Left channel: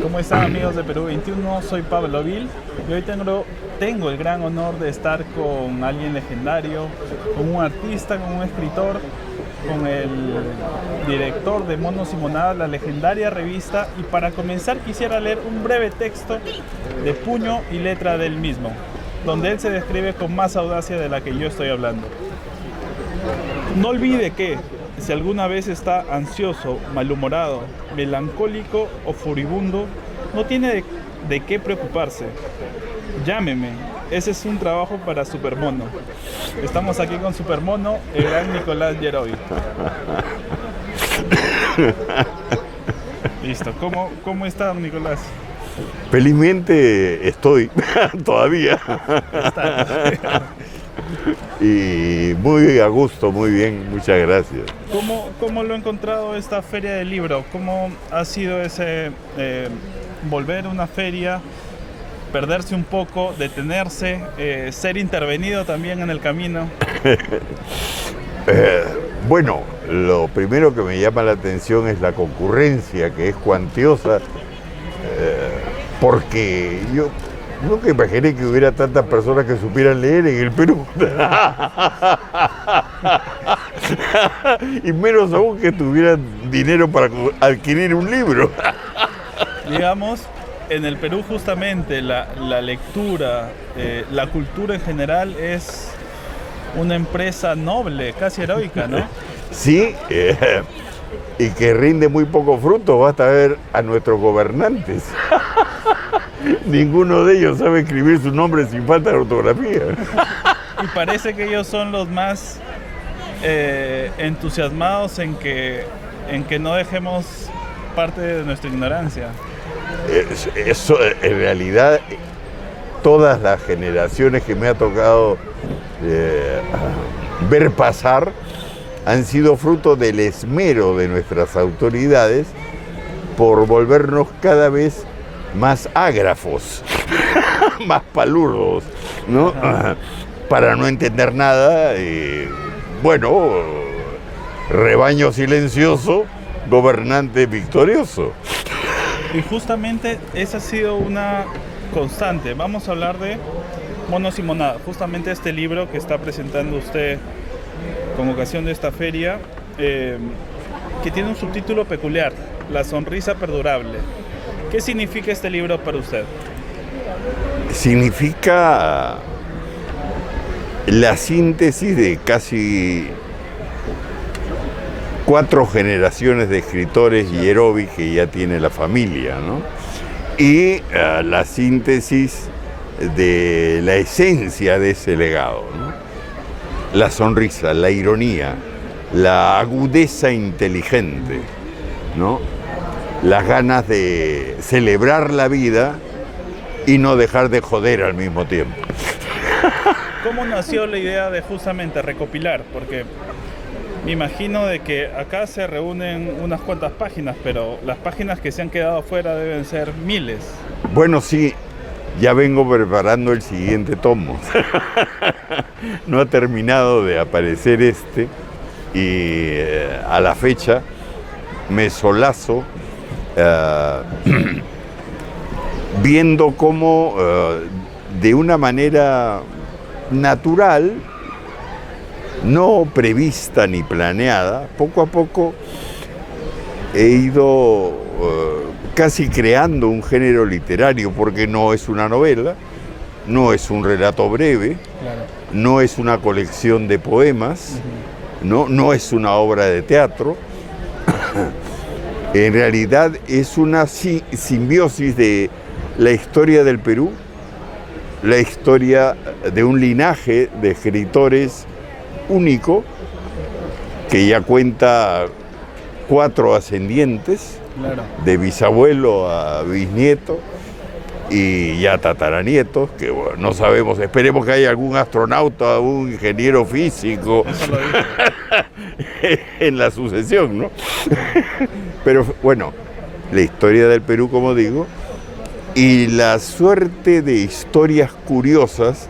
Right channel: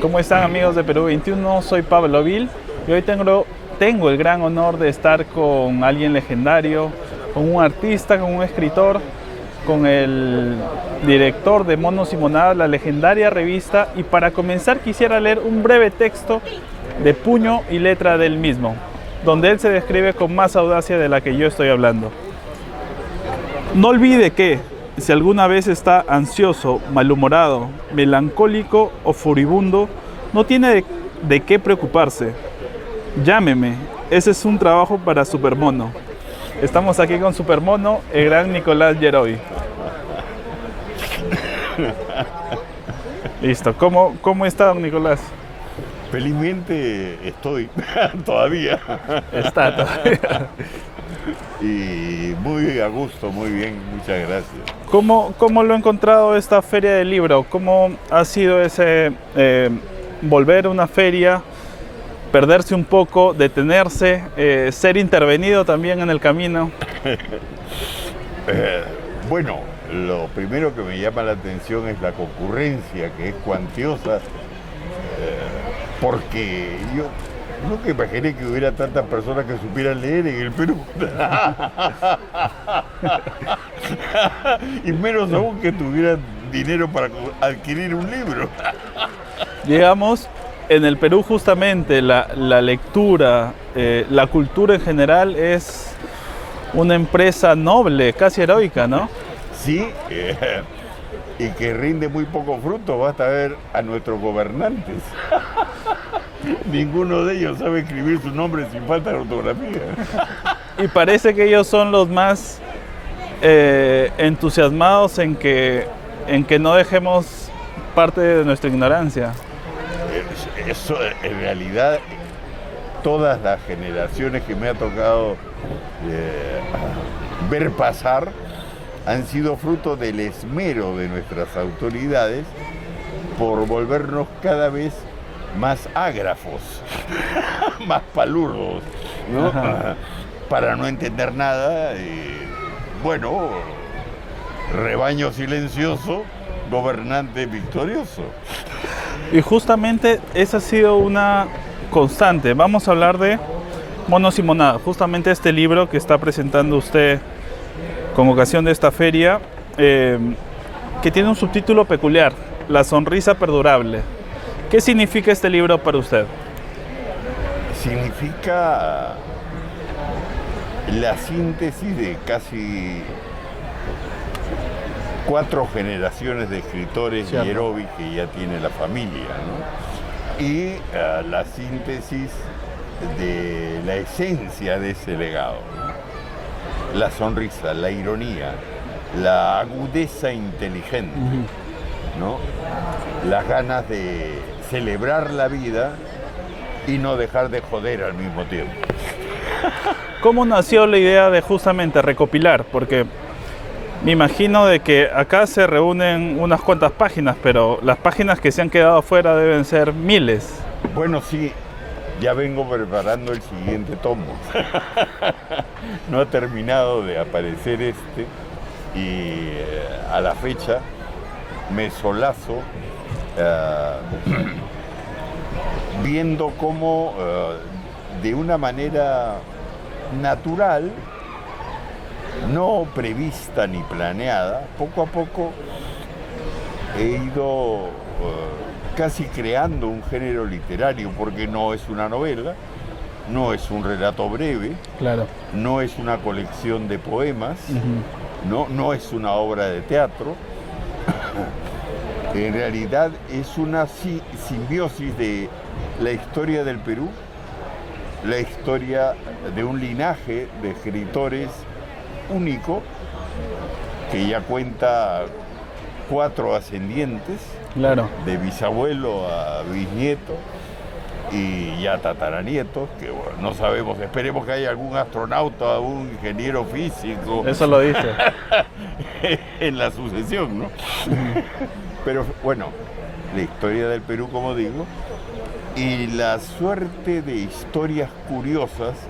¿Cómo están, amigos de Perú 21? Soy Pablo Vil y hoy tengo el gran honor de estar con alguien legendario, con un artista, con un escritor, con el director de Monos y Monadas, la legendaria revista. Y para comenzar quisiera leer un breve texto de puño y letra del mismo, donde él se describe con más audacia de la que yo estoy hablando. No olvide que, si alguna vez está ansioso, malhumorado, melancólico o furibundo, no tiene de qué preocuparse. Llámeme, ese es un trabajo para Supermono. Estamos aquí con Supermono, el gran Nicolás Yeroy. Listo, ¿cómo está, don Nicolás? Felizmente estoy todavía. Está todavía. Y muy a gusto, muy bien, muchas gracias. ¿Cómo lo ha encontrado esta feria del libro? ¿Cómo ha sido ese volver a una feria, perderse un poco, detenerse, ser intervenido también en el camino? Bueno, lo primero que me llama la atención es la concurrencia, que es cuantiosa, porque yo nunca imaginé que hubiera tantas personas que supieran leer en el Perú. Y menos aún que tuvieran dinero para adquirir un libro. Digamos, en el Perú justamente la lectura, la cultura en general es una empresa noble, casi heroica, ¿no? Sí, y que rinde muy poco fruto. Basta ver a nuestros gobernantes. Ninguno de ellos sabe escribir su nombre sin falta de ortografía. Y parece que ellos son los más entusiasmados en que no dejemos parte de nuestra ignorancia. Eso, en realidad, todas las generaciones que me ha tocado ver pasar han sido fruto del esmero de nuestras autoridades por volvernos cada vez más ágrafos, más palurdos, ¿no? Para no entender nada. Bueno, rebaño silencioso, gobernante victorioso. Y justamente esa ha sido una constante. Vamos a hablar de Monos y Monadas, justamente este libro que está presentando usted con ocasión de esta feria, que tiene un subtítulo peculiar: La sonrisa perdurable. ¿Qué significa este libro para usted? Significa la síntesis de casi 4 generaciones de escritores Yeroy que ya tiene la familia, ¿no? Y la síntesis de la esencia de ese legado, ¿no? La sonrisa, la ironía, la agudeza inteligente, ¿no? Las ganas de celebrar la vida y no dejar de joder al mismo tiempo. ¿Cómo nació la idea de justamente recopilar? Porque me imagino de que acá se reúnen unas cuantas páginas, pero las páginas que se han quedado afuera deben ser miles. Bueno, sí, ya vengo preparando el siguiente tomo. No ha terminado de aparecer este y a la fecha me solazo viendo cómo de una manera natural, no prevista ni planeada, poco a poco he ido casi creando un género literario, porque no es una novela, no es un relato breve, Claro. no es una colección de poemas, no es una obra de teatro. En realidad es una simbiosis de la historia del Perú, la historia de un linaje de escritores único que ya cuenta 4 ascendientes, Claro. de bisabuelo a bisnieto y ya tataranietos, que bueno, no sabemos, esperemos que haya algún astronauta, algún ingeniero físico. Eso lo dije. En la sucesión, ¿no? Pero bueno, la historia del Perú, como digo, y la suerte de historias curiosas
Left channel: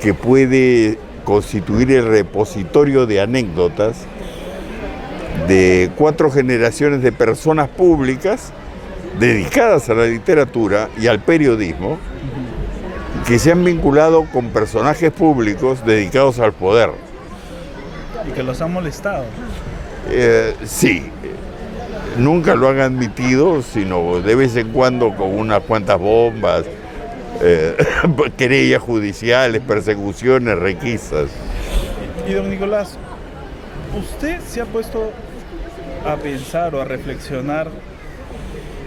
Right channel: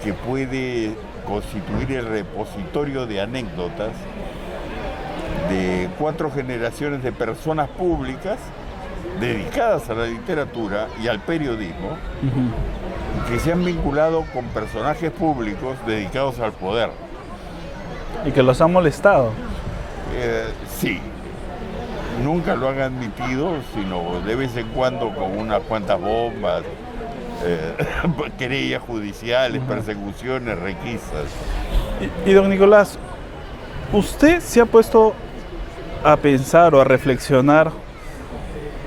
que puede constituir el repositorio de anécdotas de 4 generaciones de personas públicas dedicadas a la literatura y al periodismo, que se han vinculado con personajes públicos dedicados al poder. Y que los han molestado. Sí, nunca lo han admitido, sino de vez en cuando con unas cuantas bombas, querellas judiciales, persecuciones, requisas. Y don Nicolás, ¿usted se ha puesto a pensar o a reflexionar?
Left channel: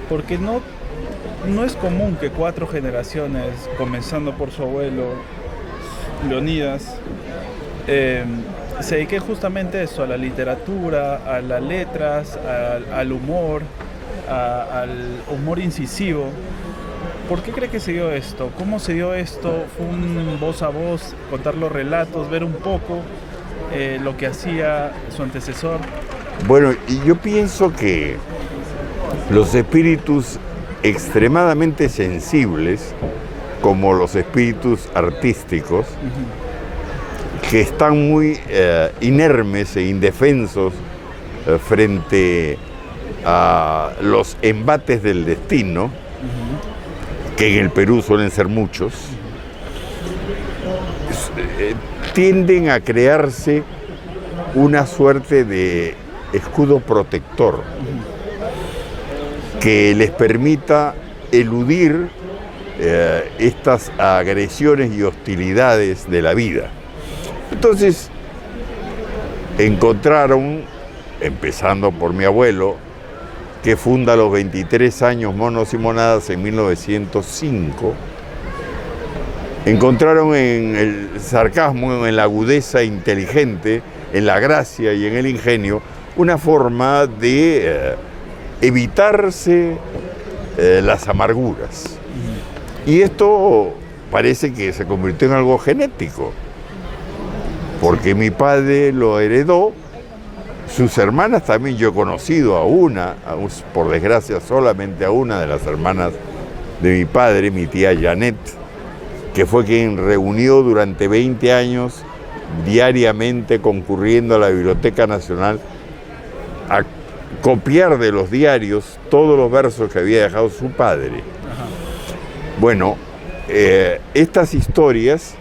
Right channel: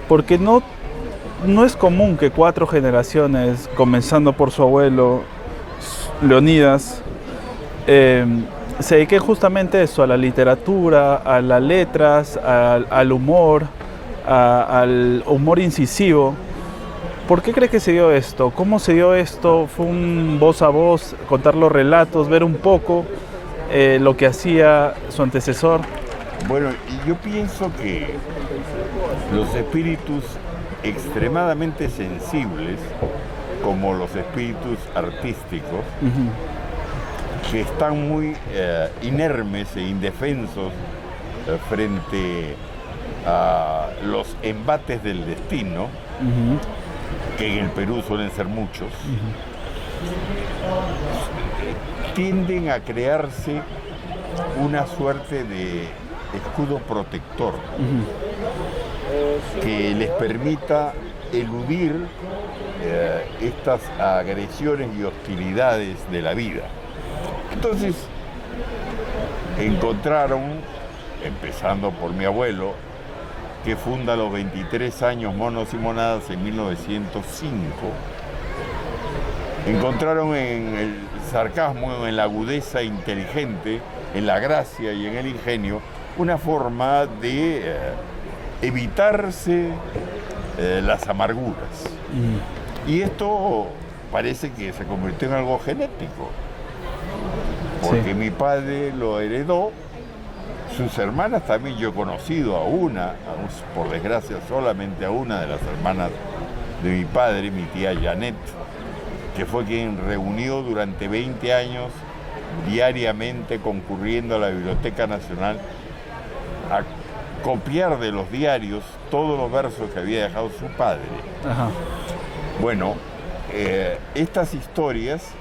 Porque no es común que 4 generaciones, comenzando por su abuelo, Leonidas, se dediquen justamente a eso, a la literatura, a las letras, al humor, al humor incisivo. ¿Por qué cree que se dio esto? ¿Cómo se dio esto? ¿Fue un voz a voz, contar los relatos, ver un poco lo que hacía su antecesor? Bueno, y yo pienso que los espíritus extremadamente sensibles, como los espíritus artísticos, que están muy inermes e indefensos frente a los embates del destino, que en el Perú suelen ser muchos, tienden a crearse una suerte de escudo protector que les permita eludir estas agresiones y hostilidades de la vida. Entonces encontraron, empezando por mi abuelo, que funda a los 23 años Monos y Monadas en 1905, encontraron en el sarcasmo, en la agudeza inteligente, en la gracia y en el ingenio, una forma de evitarse las amarguras. Y esto parece que se convirtió en algo genético, porque mi padre lo heredó, sus hermanas también. Yo he conocido a una, por desgracia solamente a una de las hermanas de mi padre, mi tía Janet, que fue quien reunió durante 20 años diariamente, concurriendo a la Biblioteca Nacional a copiar de los diarios todos los versos que había dejado su padre. Ajá. Bueno, estas historias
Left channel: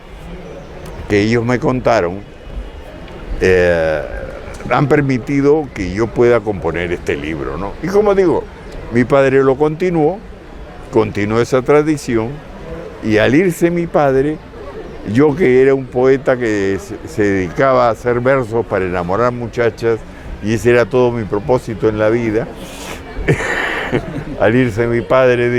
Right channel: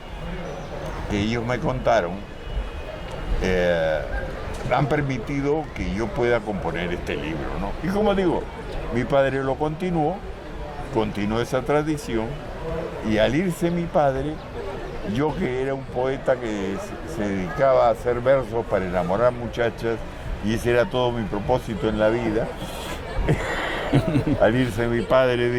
que ellos me contaron han permitido que yo pueda componer este libro, ¿no? Y como digo, mi padre lo continuó esa tradición, y al irse mi padre, yo, que era un poeta que se dedicaba a hacer versos para enamorar muchachas, y ese era todo mi propósito en la vida, al irse mi padre,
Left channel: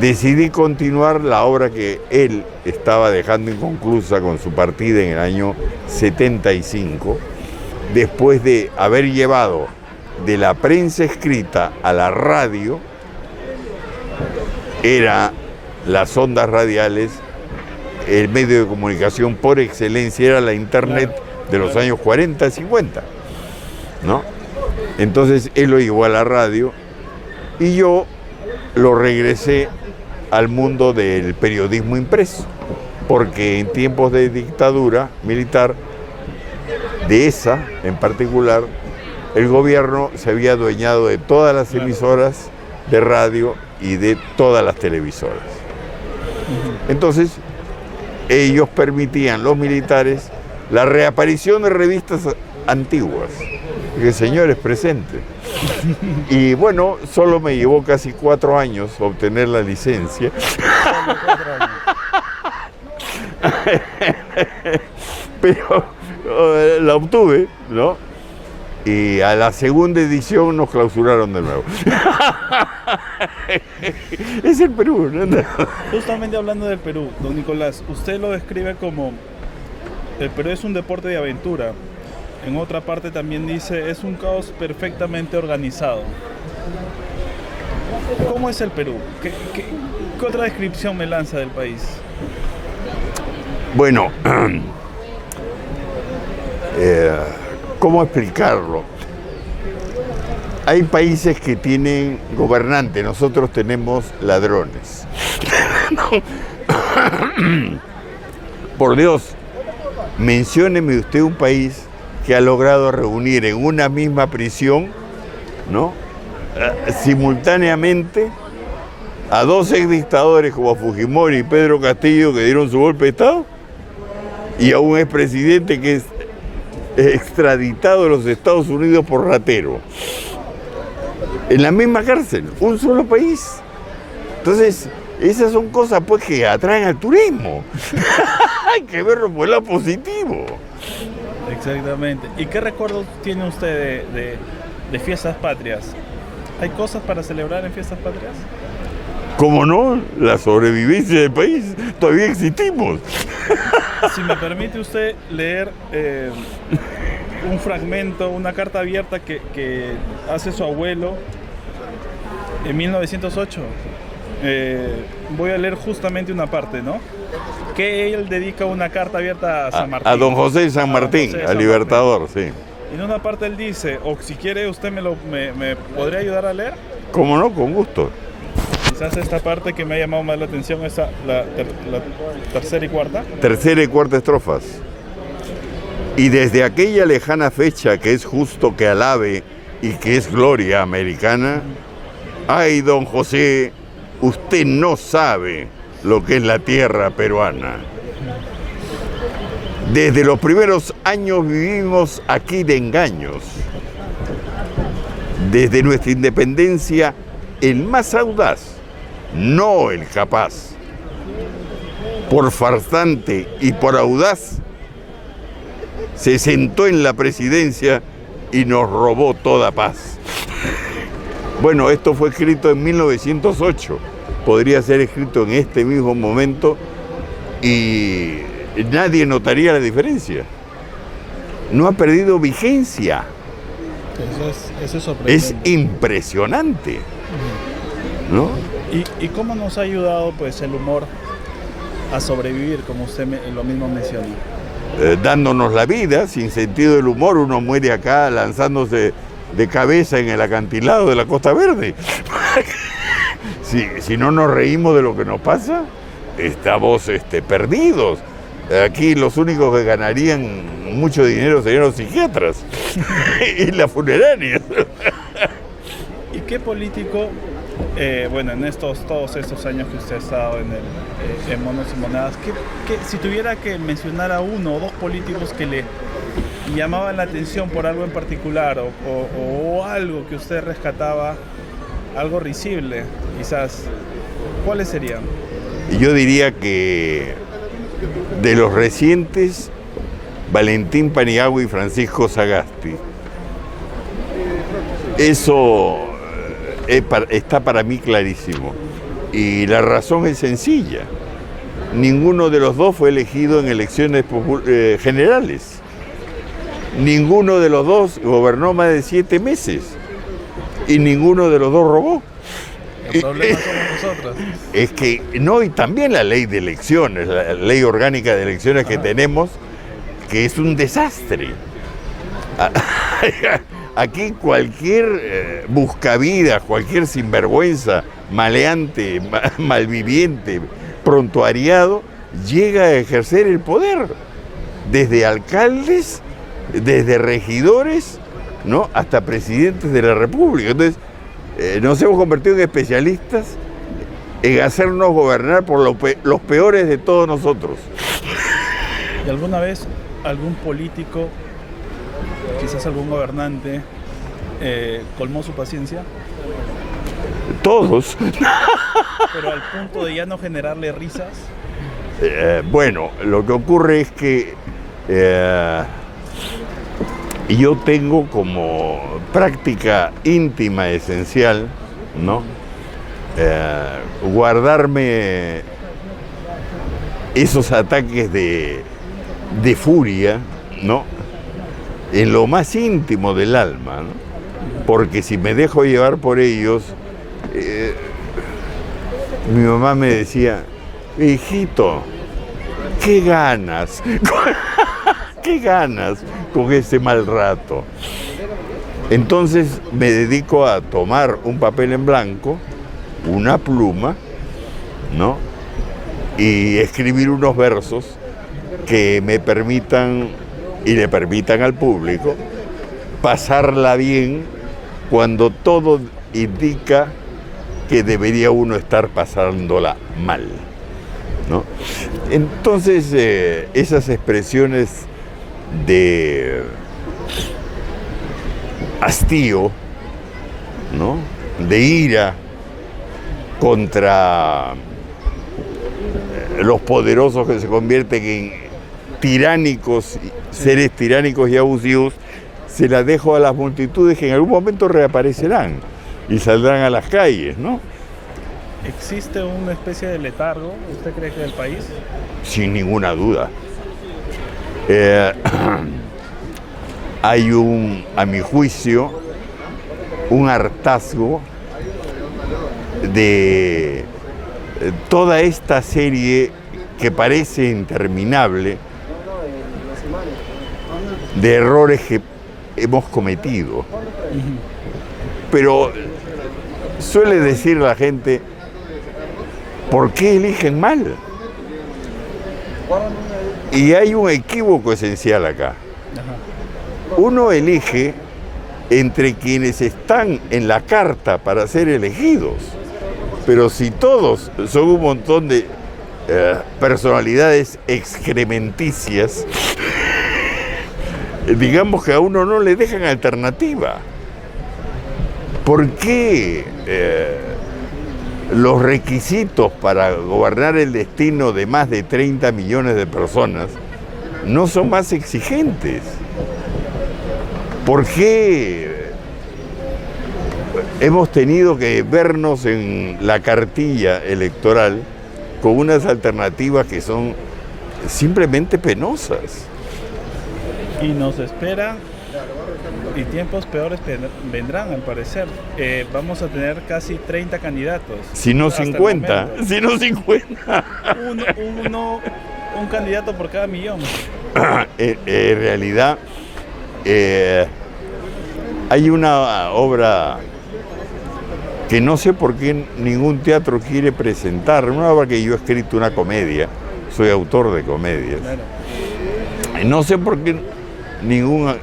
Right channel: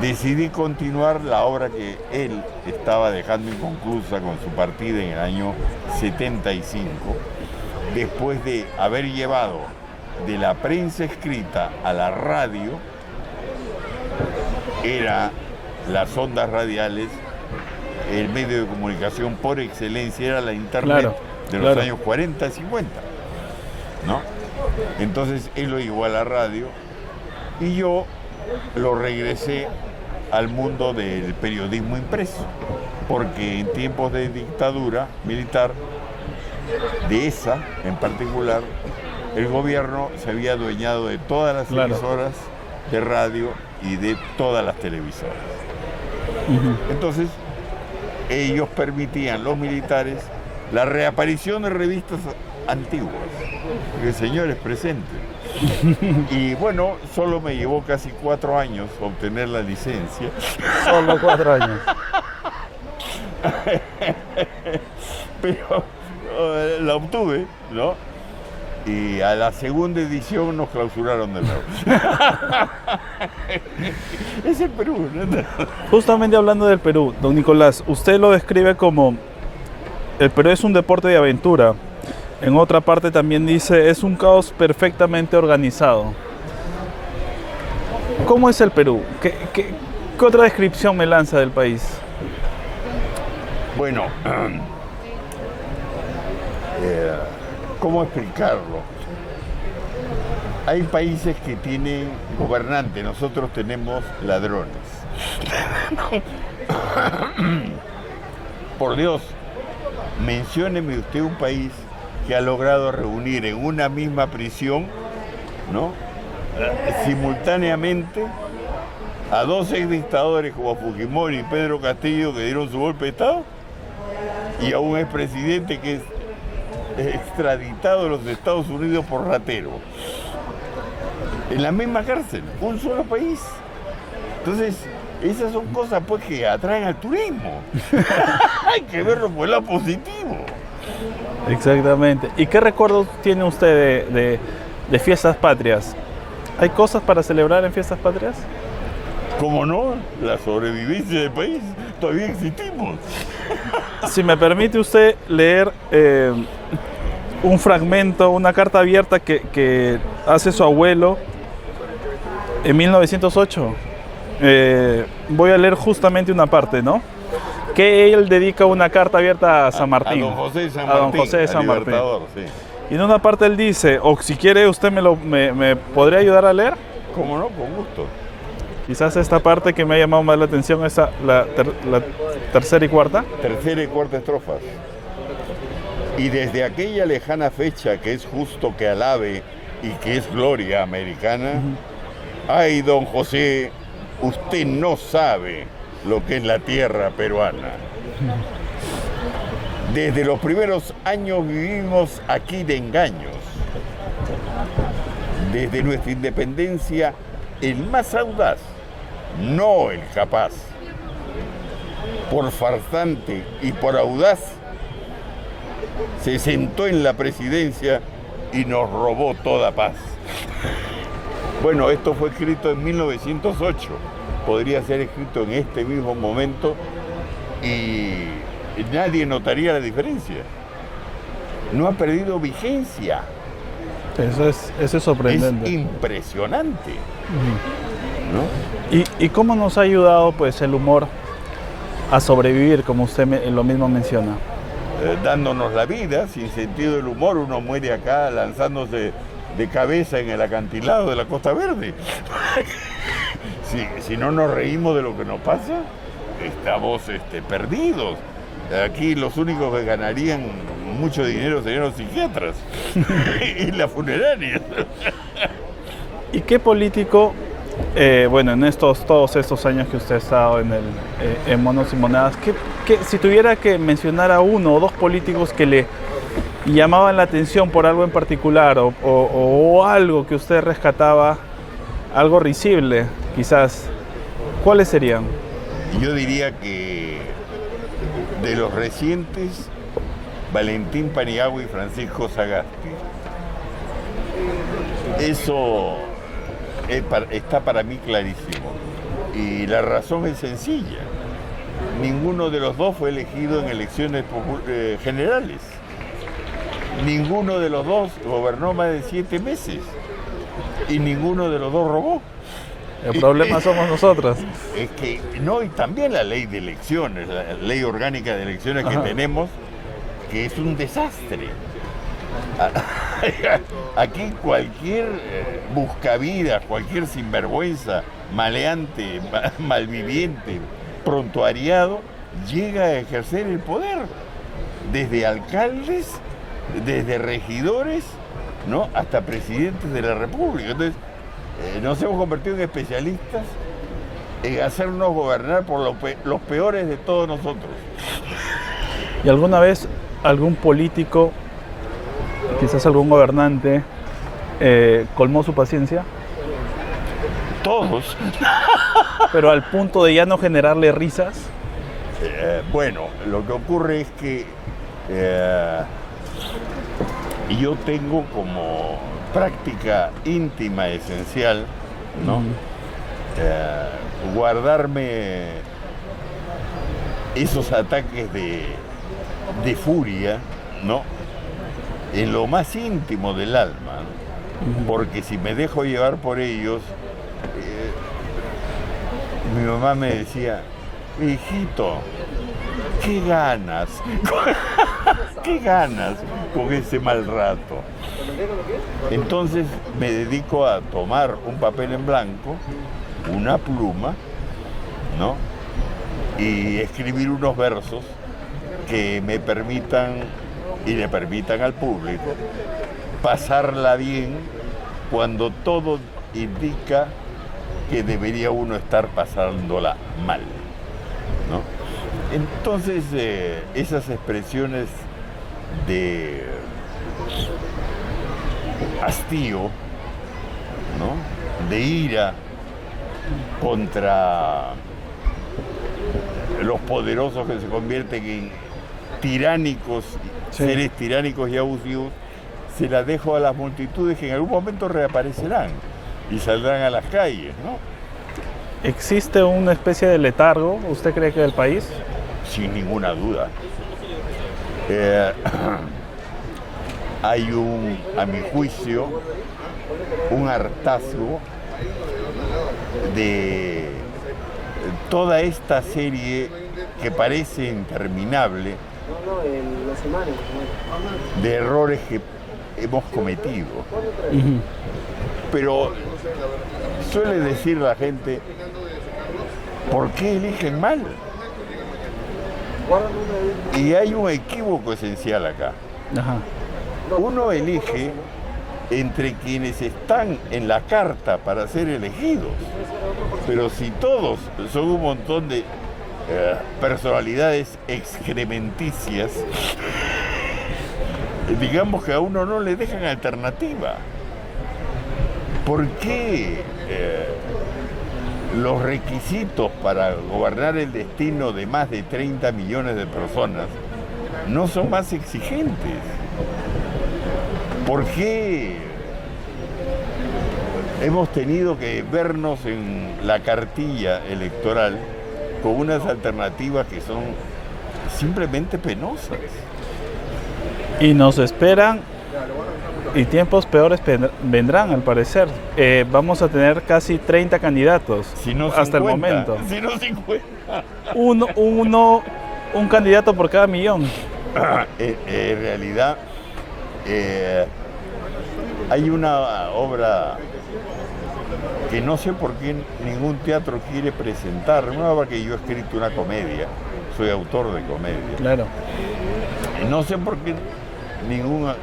decidí continuar la obra que él estaba dejando inconclusa con su partida en el año 75, después de haber llevado de la prensa escrita a la radio. Era las ondas radiales, el medio de comunicación por excelencia, era la internet de los años 40, 50, ¿no? Entonces él lo llevó a la radio y yo lo regresé al mundo del periodismo impreso, porque en tiempos de dictadura militar, de esa en particular, el gobierno se había adueñado de todas las emisoras de radio y de todas las televisoras. Entonces, ellos permitían, los militares, la reaparición de revistas antiguas, que señores presentes. Y bueno, solo me llevó casi 4 años obtener la licencia. Solo 4 años. Pero la obtuve, ¿no? Y a la segunda edición nos clausuraron de nuevo. Es el Perú, ¿no? Justamente hablando del Perú, don Nicolás, usted lo describe como el Perú es un deporte de aventura. En otra parte también dice, es un caos perfectamente organizado. ¿Cómo es el Perú? ¿Qué otra descripción me lanza del país? Bueno, ¿cómo explicarlo? Hay países que tienen gobernantes, nosotros tenemos ladrones. Por Dios, mencióneme usted un país que ha logrado reunir en una misma prisión, ¿no?, simultáneamente a dos exdictadores como Fujimori y Pedro Castillo, que dieron su golpe de Estado, y a un expresidente que es extraditado a los Estados Unidos por ratero. En la misma cárcel, un solo país. Entonces, esas son cosas pues que atraen al turismo. Hay que verlo por el lado positivo. Exactamente. ¿Y qué recuerdos tiene usted de fiestas patrias? ¿Hay cosas para celebrar en fiestas patrias? ¿Cómo no? La sobrevivencia del país. Todavía existimos. Si me permite usted leer un fragmento, una carta abierta que hace su abuelo en 1908. Voy a leer justamente una parte, ¿no? Que él dedica una carta abierta a San Martín. A don José de San Martín, al Libertador, sí. Y en una parte él dice, o si quiere usted me podría ayudar a leer. ¿Cómo no? Con gusto. Quizás esta parte que me ha llamado más la atención es la tercera y cuarta. Tercera y cuarta estrofas. Y desde aquella lejana fecha que es justo que alabe y que es gloria americana, ay, don José, usted no sabe lo que es la tierra peruana. Desde los primeros años vivimos aquí de engaños. Desde nuestra independencia, el más audaz, no el capaz. Por farsante y por audaz, se sentó en la presidencia y nos robó toda paz. Bueno, esto fue escrito en 1908. Podría ser escrito en este mismo momento y nadie notaría la diferencia. No ha perdido vigencia. Eso es sorprendente. Es impresionante, ¿no? ¿Y cómo nos ha ayudado pues el humor a sobrevivir, como usted lo mismo menciona? Dándonos la vida, sin sentido del humor, uno muere acá lanzándose de cabeza en el acantilado de la Costa Verde. Si no nos reímos de lo que nos pasa, estamos perdidos. Aquí los únicos que ganarían mucho dinero serían los psiquiatras y las funerarias. ¿Y qué político, bueno, en todos estos años que usted ha estado en Monos y Monedas, si tuviera que mencionar a uno o dos políticos que le llamaban la atención por algo en particular o algo que usted rescataba, algo risible, quizás, ¿cuáles serían? Yo diría que de los recientes, Valentín Paniagua y Francisco Sagasti. Eso está para mí clarísimo. Y la razón es sencilla. Ninguno de los dos fue elegido en elecciones generales. Ninguno de los dos gobernó más de 7 meses. Y ninguno de los dos robó. El problema somos nosotros. Es que no, y también la ley de elecciones, la ley orgánica de elecciones que tenemos, que es un desastre. Aquí cualquier buscavidas, cualquier sinvergüenza, maleante, malviviente, prontuariado, llega a ejercer el poder. Desde alcaldes, desde regidores, ¿no?, hasta presidentes de la República. Entonces, nos hemos convertido en especialistas en hacernos gobernar por los peores de todos nosotros. ¿Y alguna vez algún político, quizás algún gobernante, colmó su paciencia? Todos. Pero al punto de ya no generarle risas. Bueno, lo que ocurre es que yo tengo como práctica íntima esencial, ¿no?, guardarme esos ataques de furia, ¿no?, en lo más íntimo del alma, ¿no? Porque si me dejo llevar por ellos, mi mamá me decía, hijito, ¿qué ganas? ¿Qué ganas con ese mal rato? Entonces me dedico a tomar un papel en blanco, una pluma, ¿no?, y escribir unos versos que me permitan y le permitan al público pasarla bien cuando todo indica que debería uno estar pasándola mal, ¿no? Entonces, esas expresiones de hastío, ¿no?, de ira contra los poderosos que se convierten en tiránicos, seres tiránicos y abusivos, se las dejo a las multitudes que en algún momento reaparecerán y saldrán a las calles, ¿no? ¿Existe una especie de letargo, usted cree que del país? Sin ninguna duda. Hay a mi juicio, un hartazgo de toda esta serie que parece interminable de errores que hemos cometido. Pero suele decir la gente, ¿por qué eligen mal? Y hay un equívoco esencial acá. Ajá. Uno elige entre quienes están en la carta para ser elegidos. Pero si todos son un montón de personalidades excrementicias, digamos que a uno no le dejan alternativa. ¿Por qué los requisitos para gobernar el destino de más de 30 millones de personas no son más exigentes? ¿Por qué hemos tenido que vernos en la cartilla electoral con unas alternativas que son simplemente penosas? Y nos esperan, y tiempos peores vendrán, al parecer. Vamos a tener casi 30 candidatos. Si no hasta 50. el momento. Si no 50. Un candidato por cada millón. En realidad, hay una obra que no sé por qué ningún teatro quiere presentar, una obra que yo he escrito, una comedia, soy autor de comedias. Claro. No sé por qué ninguna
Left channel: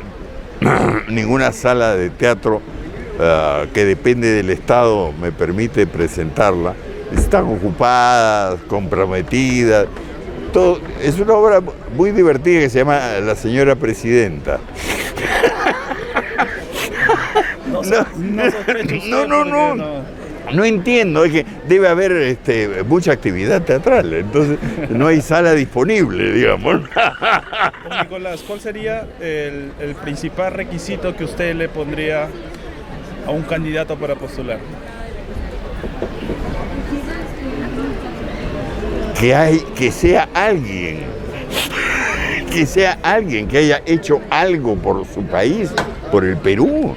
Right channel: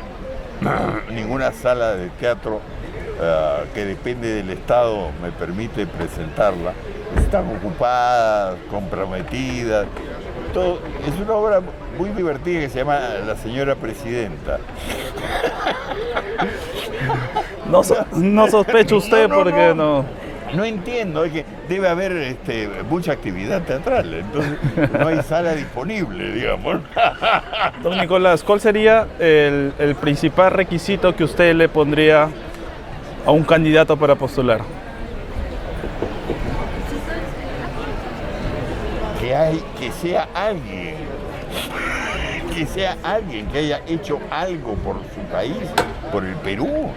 sala de teatro que depende del Estado me permite presentarla. Están ocupadas, comprometidas. Todo. Es una obra muy divertida que se llama La Señora Presidenta. No sospecha usted porque no. No entiendo, es que debe haber mucha actividad teatral, entonces no hay sala disponible, digamos. Don Nicolás, ¿cuál sería el principal requisito que usted le pondría a un candidato para postular? Que sea alguien que haya hecho algo por su país, por el Perú.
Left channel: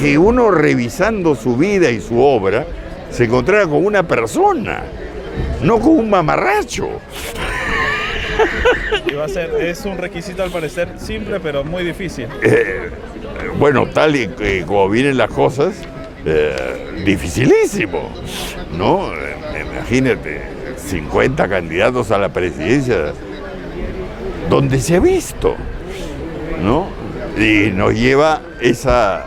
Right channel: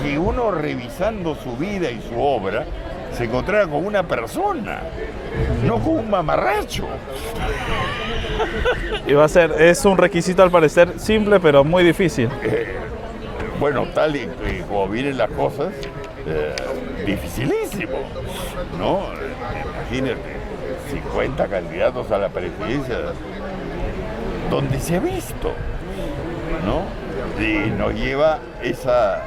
Que uno, revisando su vida y su obra, se encontrara con una persona, no con un mamarracho. Y es un requisito al parecer simple, pero muy difícil. Bueno, tal y como vienen las cosas, dificilísimo, ¿no? Imagínate, 50 candidatos a la presidencia, donde se ha visto, ¿no? Y nos lleva esa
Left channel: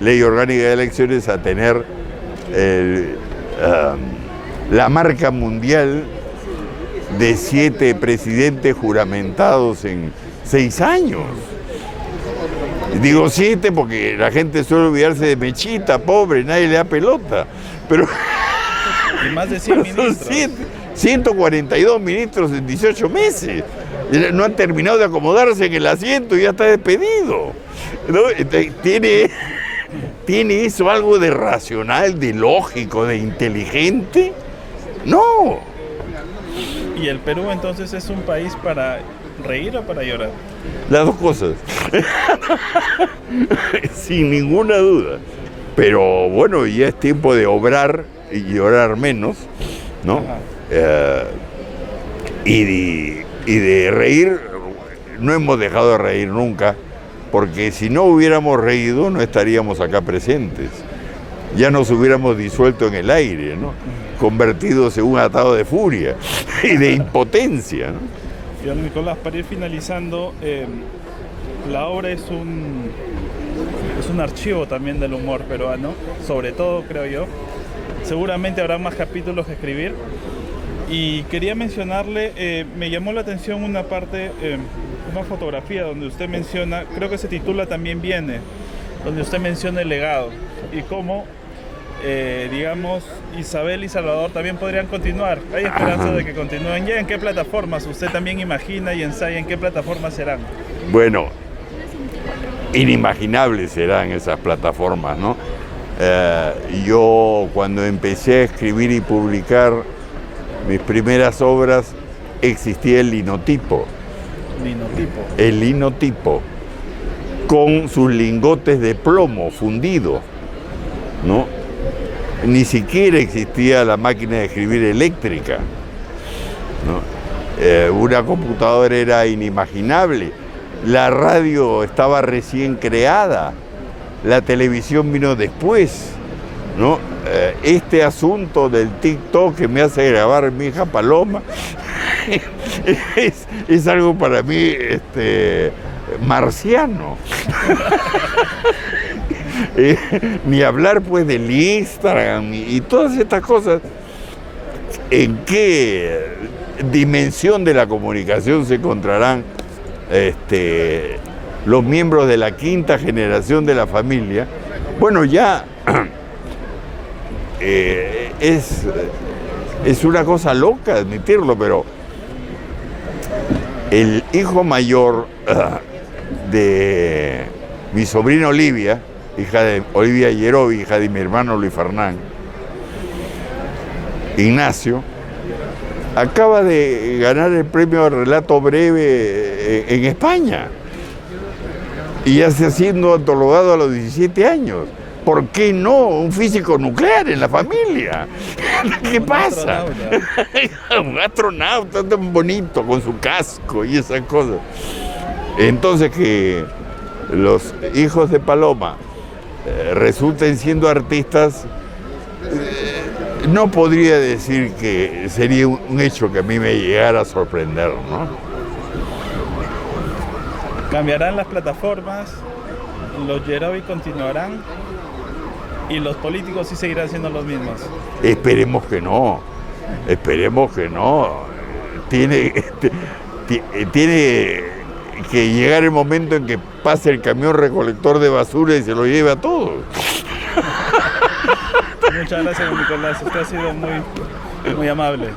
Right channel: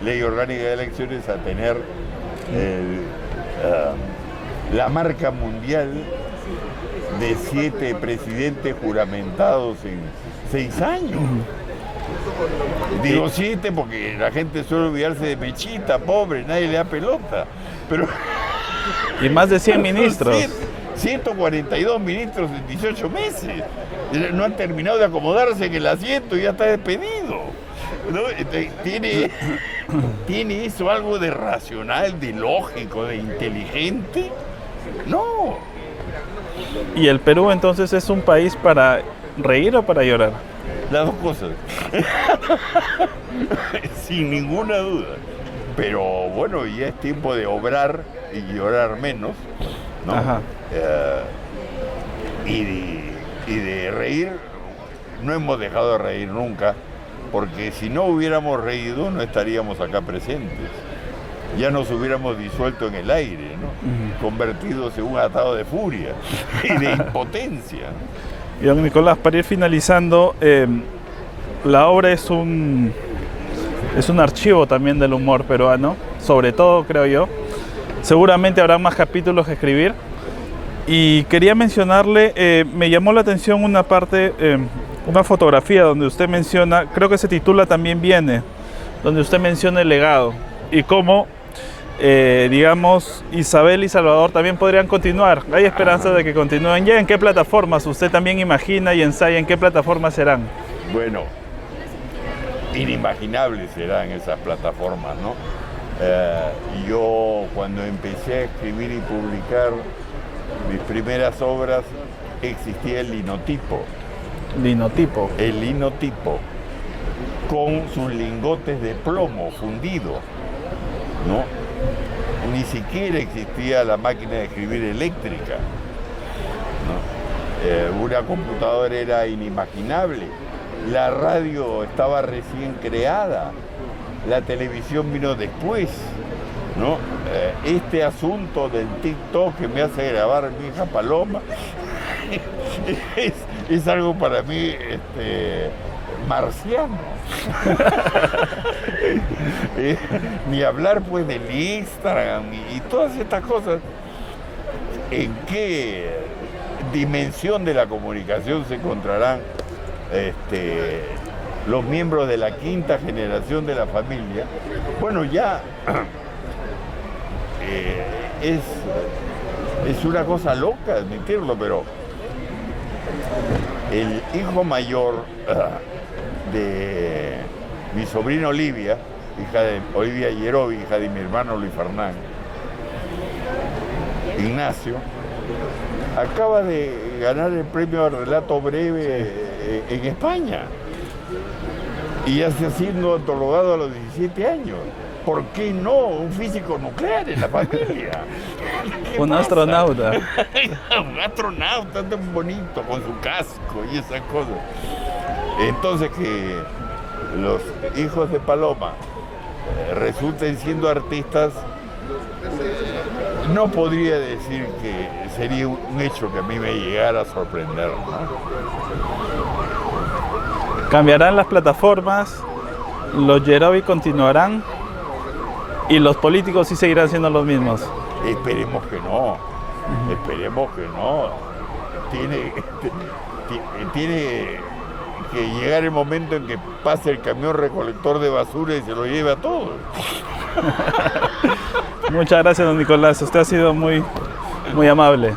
ley orgánica de elecciones a tener la marca mundial de 7 presidentes juramentados en 6 años. Digo 7 porque la gente suele olvidarse de Mechita, pobre, nadie le da pelota. Pero y más de 100 ministros. 142 ministros en 18 meses. No han terminado de acomodarse en el asiento y ya está despedido, ¿no? ¿Tiene eso algo de racional, de lógico, de inteligente? No. ¿Y el Perú entonces es un país para reír o para llorar? Las dos cosas. Sin ninguna duda. Pero bueno, ya es tiempo de obrar y llorar menos, ¿no? Y de reír, no hemos dejado de reír nunca, porque si no hubiéramos reído no estaríamos acá presentes. Ya nos hubiéramos disuelto en el aire, ¿no? Convertidos en un atado de furia y de impotencia, ¿no? Y don Nicolás, para ir finalizando, la obra es un Es un archivo también del humor peruano, sobre todo creo yo. Seguramente habrá más capítulos que escribir. Y quería mencionarle, me llamó la atención una parte, una fotografía donde usted menciona, creo que se titula También viene, donde usted menciona el legado y cómo, digamos, Isabel y Salvador también podrían continuar. Hay esperanza de que continúen. ¿Ya en qué plataformas usted también imagina y ensaya en qué plataformas serán? Bueno, inimaginables serán esas plataformas, ¿no? Yo cuando empecé a escribir y publicar mis primeras obras existía el linotipo. Linotipo. El linotipo, con sus lingotes de plomo fundidos, ¿no? Ni siquiera existía la máquina de escribir eléctrica, ¿no? Una computadora era inimaginable. La radio estaba recién creada. La televisión vino después, ¿no? Este asunto del TikTok que me hace grabar mi hija Paloma es algo para mí marciano. Ni hablar pues del Instagram y todas estas cosas. ¿En qué dimensión de la comunicación se encontrarán los miembros de la quinta generación de la familia? Bueno, ya es una cosa loca admitirlo, pero el hijo mayor de mi sobrina Olivia, hija de Olivia Yerovi, hija de mi hermano Luis Fernán, Ignacio, acaba de ganar el premio de relato breve en España y ya está siendo antologado a los 17 años. ¿Por qué no un físico nuclear en la familia? ¿Qué pasa? Astronauta. Un astronauta tan bonito con su casco y esas cosas. Entonces que los hijos de Paloma resulten siendo artistas, no podría decir que sería un hecho que a mí me llegara a sorprender, ¿no? Cambiarán las plataformas, los Yerovi continuarán y los políticos sí seguirán siendo los mismos. Esperemos que no, esperemos que no. Tiene que llegar el momento en que pase el camión recolector de basura y se lo lleve a todos. Muchas gracias, don Nicolás. Usted ha sido muy amable.